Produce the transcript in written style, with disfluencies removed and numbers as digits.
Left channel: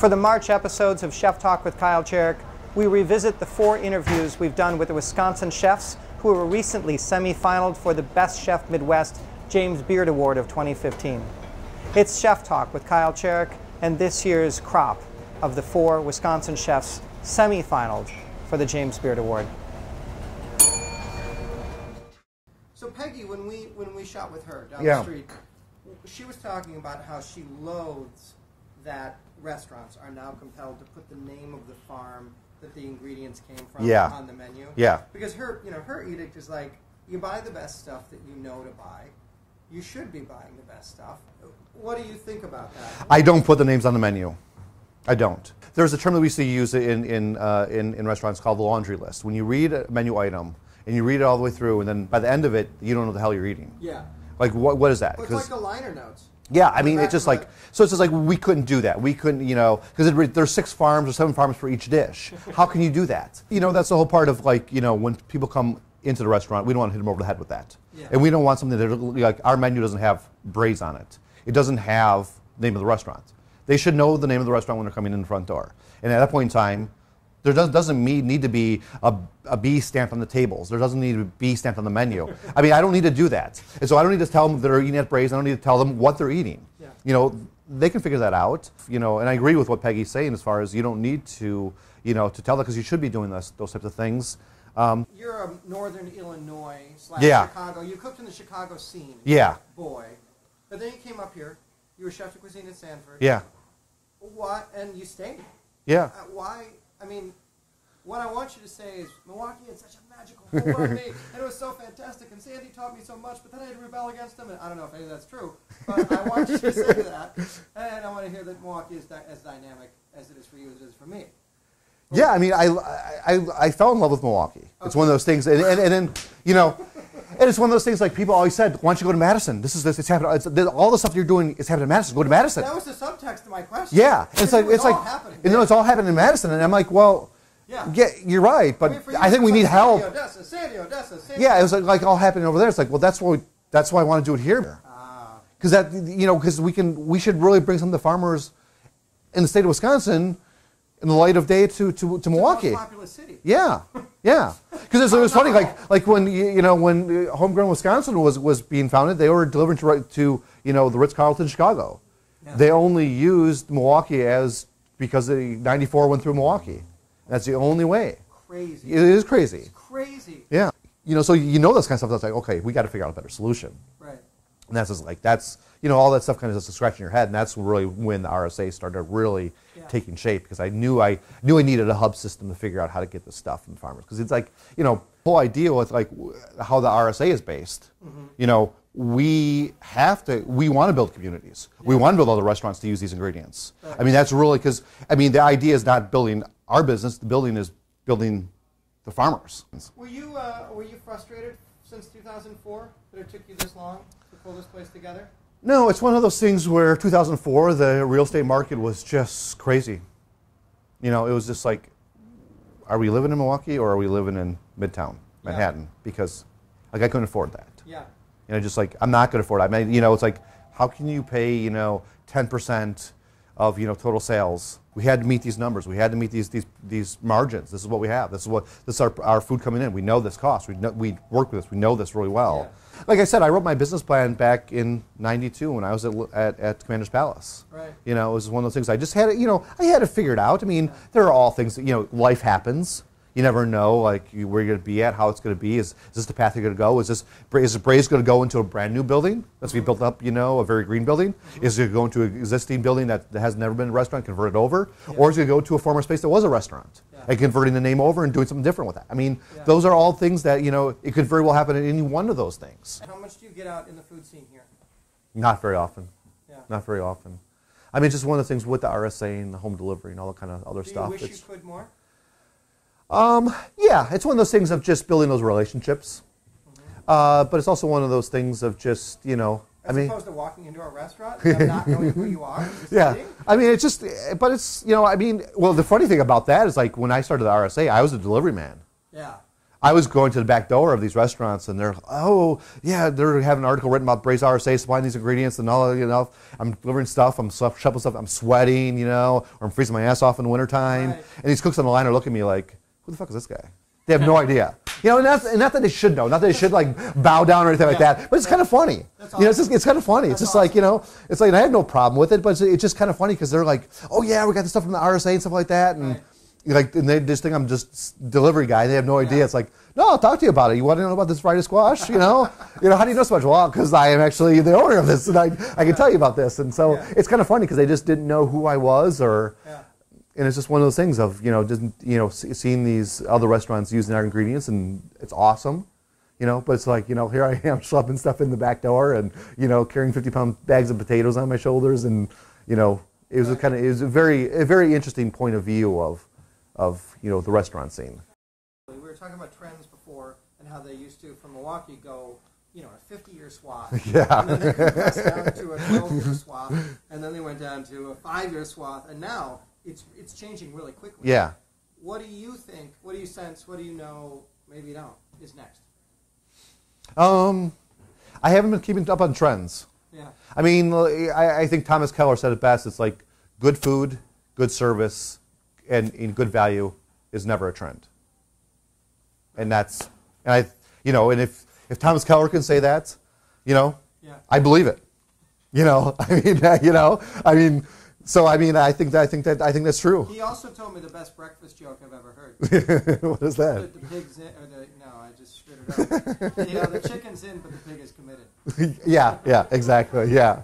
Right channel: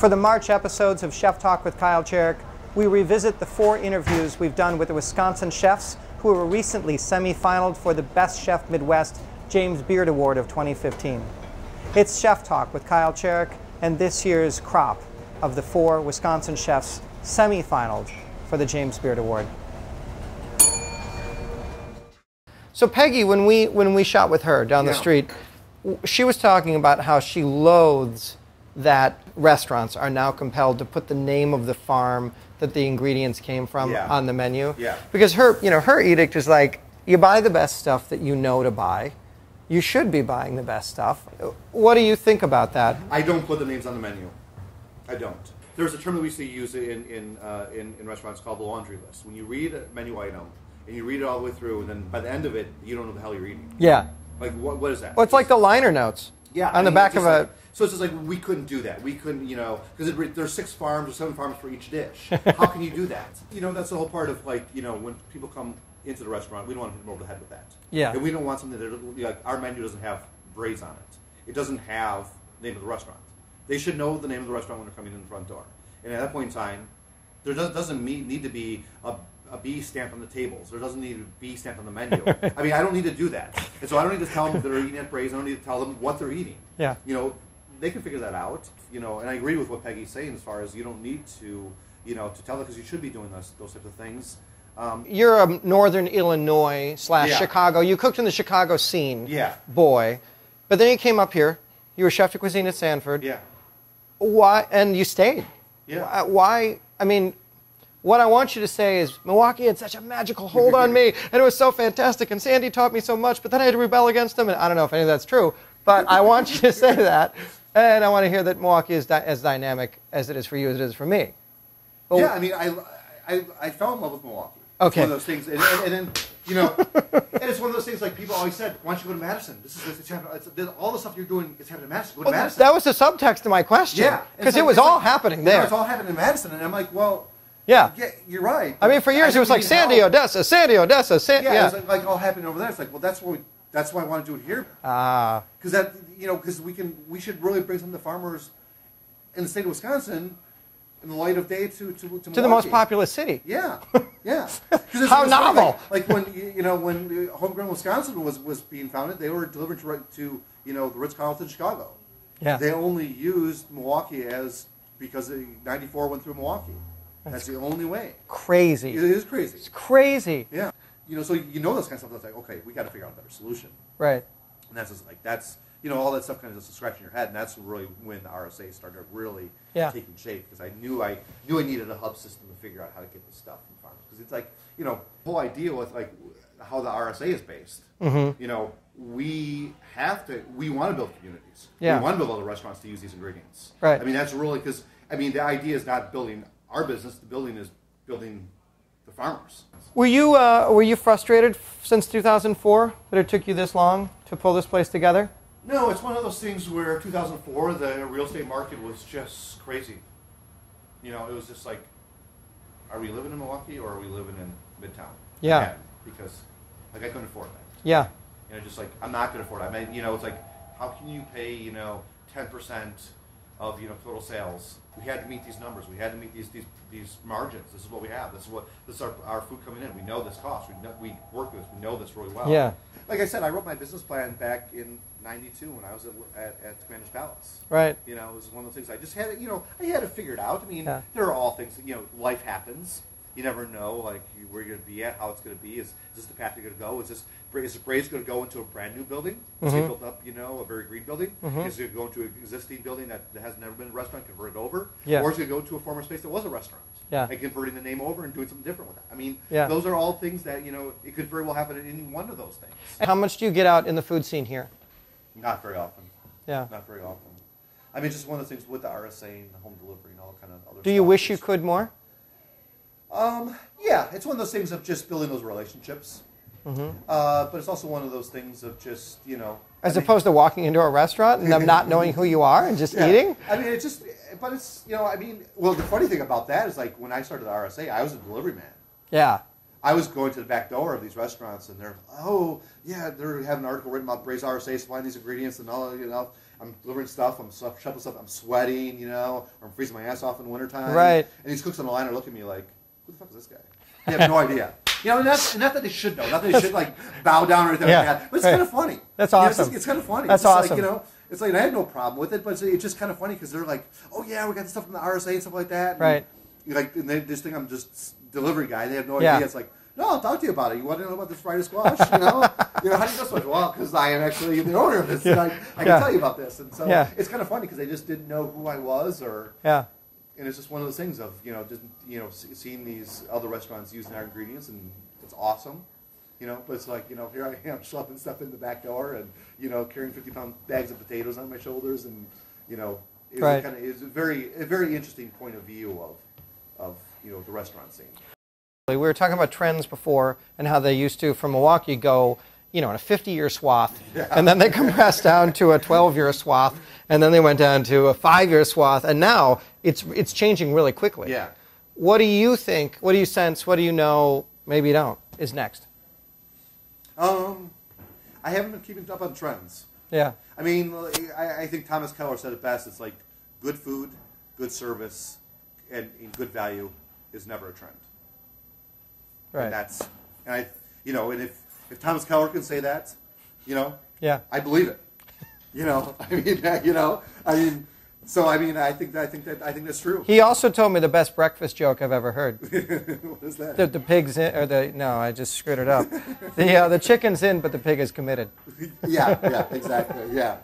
For the March episodes of Chef Talk with Kyle Cherek, we revisit the 4 interviews we've done with the Wisconsin chefs who were recently semi-finaled for the Best Chef Midwest James Beard Award of 2015. It's Chef Talk with Kyle Cherek and this year's crop of the 4 Wisconsin chefs semi-finaled for the James Beard Award. So Peggy, when we shot with her down the street, she was talking about how she loathes that restaurants are now compelled to put the name of the farm that the ingredients came from on the menu. Yeah. Because her, her edict is like, you buy the best stuff that you know to buy. You should be buying the best stuff. What do you think about that? I don't put the names on the menu. I don't. There's a term that we used to use in restaurants called the laundry list. When you read a menu item and you read it all the way through, and then by the end of it, you don't know the hell you're eating. Yeah. Like what is that? Well, it's like the liner notes. Yeah, on the back of like, so it's just like we couldn't do that. We couldn't, because there's 6 farms or 7 farms for each dish. How can you do that? That's the whole part of like, when people come into the restaurant, we don't want to hit them over the head with that. Yeah. And we don't want something that like our menu doesn't have Braise on it. It doesn't have the name of the restaurant. They should know the name of the restaurant when they're coming in the front door. And at that point in time, there doesn't need to be a B stamped on the tables. There doesn't need to be B stamped on the menu. I mean, I don't need to do that. And so I don't need to tell them they're eating at Braise. I don't need to tell them what they're eating. Yeah. They can figure that out. And I agree with what Peggy's saying as far as you don't need to, to tell them because you should be doing those types of things. You're a Northern Illinois / Chicago. You cooked in the Chicago scene. Yeah. Boy. But then you came up here. You were chef de cuisine at Sanford. Yeah. Why? And you stayed. Yeah. Why? I mean, what I want you to say is, Milwaukee had such a magical hold on me, and it was so fantastic, and Sandy taught me so much, but then I had to rebel against him, and I don't know if any of that's true, but I want you to say that, and I want to hear that Milwaukee is as dynamic as it is for you as it is for me. But yeah, I mean, I fell in love with Milwaukee. Okay. It's one of those things, and then, and it's one of those things like people always said, why don't you go to Madison? It's happening. All the stuff you're doing is happening in Madison. Go to Madison. That was the subtext to my question. Yeah. Because it was all happening there. It's all happening in Madison, and I'm like, well, yeah, you're right. I mean, for years it was like Sandy, Odessa, Sandy, Odessa, Sandy. Yeah, it was like all happening over there. It's like, well, that's why I want to do it here. Because because we should really bring some of the farmers in the state of Wisconsin in the light of day to Milwaukee. To the most populous city. Yeah, yeah. Because it was funny, like when when Homegrown Wisconsin was being founded, they were delivering to the Ritz-Carlton Chicago. Yeah. They only used Milwaukee because the 94 went through Milwaukee. That's the only way. Crazy. It is crazy. It's crazy. Yeah. So this kind of stuff. That's like, okay, we got to figure out a better solution. Right. And that's just like all that stuff kind of just scratching your head, and that's really when the RSA started really taking shape, because I knew I needed a hub system to figure out how to get the stuff from farmers, because it's like the whole idea with like how the RSA is based. Mm-hmm. We want to build communities. Yeah. We want to build other restaurants to use these ingredients. Right. I mean, that's really because the idea is not building our business. The building is building the farmers. Were you frustrated since 2004 that it took you this long to pull this place together? No, it's one of those things where 2004, the real estate market was just crazy. It was just like, are we living in Milwaukee or are we living in Midtown Manhattan? Because like I couldn't afford that. Yeah. Just like I'm not going to afford it. I mean, it's like, how can you pay 10% of total sales? We had to meet these numbers. We had to meet these margins. This is what we have. This is our food coming in. We know this cost. We work with this. We know this really well. Yeah. Like I said, I wrote my business plan back in '92 when I was at Commander's Palace. Right. It was one of those things. I just had it. I had to figure it out. I mean, there are all things. Life happens. You never know, like where you're going to be at, how it's going to be. Is this the path you're going to go? Is Braise going to go into a brand new building that's going to be built up, a very green building? Is it going to go into an existing building that has never been a restaurant, convert it over? Yeah. Or is it going to go to a former space that was a restaurant? Yeah. And converting the name over and doing something different with that. I mean, those are all things that it could very well happen in any one of those things. How much do you get out in the food scene here? Not very often. Yeah. Not very often. I mean, it's just one of the things with the RSA and the home delivery and all that kind of other stuff. Do you wish you could more? Yeah, it's one of those things of just building those relationships. But it's also one of those things of just, As opposed to walking into a restaurant and them not knowing who you are and just eating? I mean, it's just, but it's, well, the funny thing about that is like when I started the RSA, I was a delivery man. Yeah. I was going to the back door of these restaurants, and they're, oh, yeah, they're having an article written about Braise RSA supplying these ingredients and all that, I'm delivering stuff, I'm shoveling stuff, I'm sweating, you know, or I'm freezing my ass off in the wintertime. Right. And these cooks on the line are looking at me like, who the fuck is this guy? They have no idea. You know, and not that they should know, not that they should like bow down or anything like that, but it's kind of funny. That's awesome. You know, it's kind of funny. That's it's just awesome. like, you know, it's like, and I have no problem with it, but it's just kind of funny because they're like, oh yeah, we got this stuff from the RSA and stuff like that. And, right. Like, and they just think I'm just delivery guy. They have no idea. It's like, no, I'll talk to you about it. You want to know about this fried squash? You know, how do you know so much? Well, because I am actually the owner of this, and I can tell you about this. And so it's kind of funny because they just didn't know who I was, or and it's just one of those things of just seeing these other restaurants using our ingredients, and it's awesome. But it's like, here I am schlepping stuff in the back door, and carrying 50-pound bags of potatoes on my shoulders, and it was a very interesting point of view of the restaurant scene. We were talking about trends before and how they used to, from Milwaukee, go in a 50-year swath, and then they compressed down to a 12-year swath, and then they went down to a 5-year swath, and now it's changing really quickly. Yeah. What do you think? What do you sense? What do you know? Maybe you don't. Is next? I haven't been keeping up on trends. Yeah. I mean, I think Thomas Keller said it best. It's like good food, good service, and in good value is never a trend. Right. And if Thomas Keller can say that, I believe it. I think that's true. He also told me the best breakfast joke I've ever heard. What is that? The pig's in, no, I just screwed it up. The chicken's in, but the pig is committed. Yeah, exactly, yeah.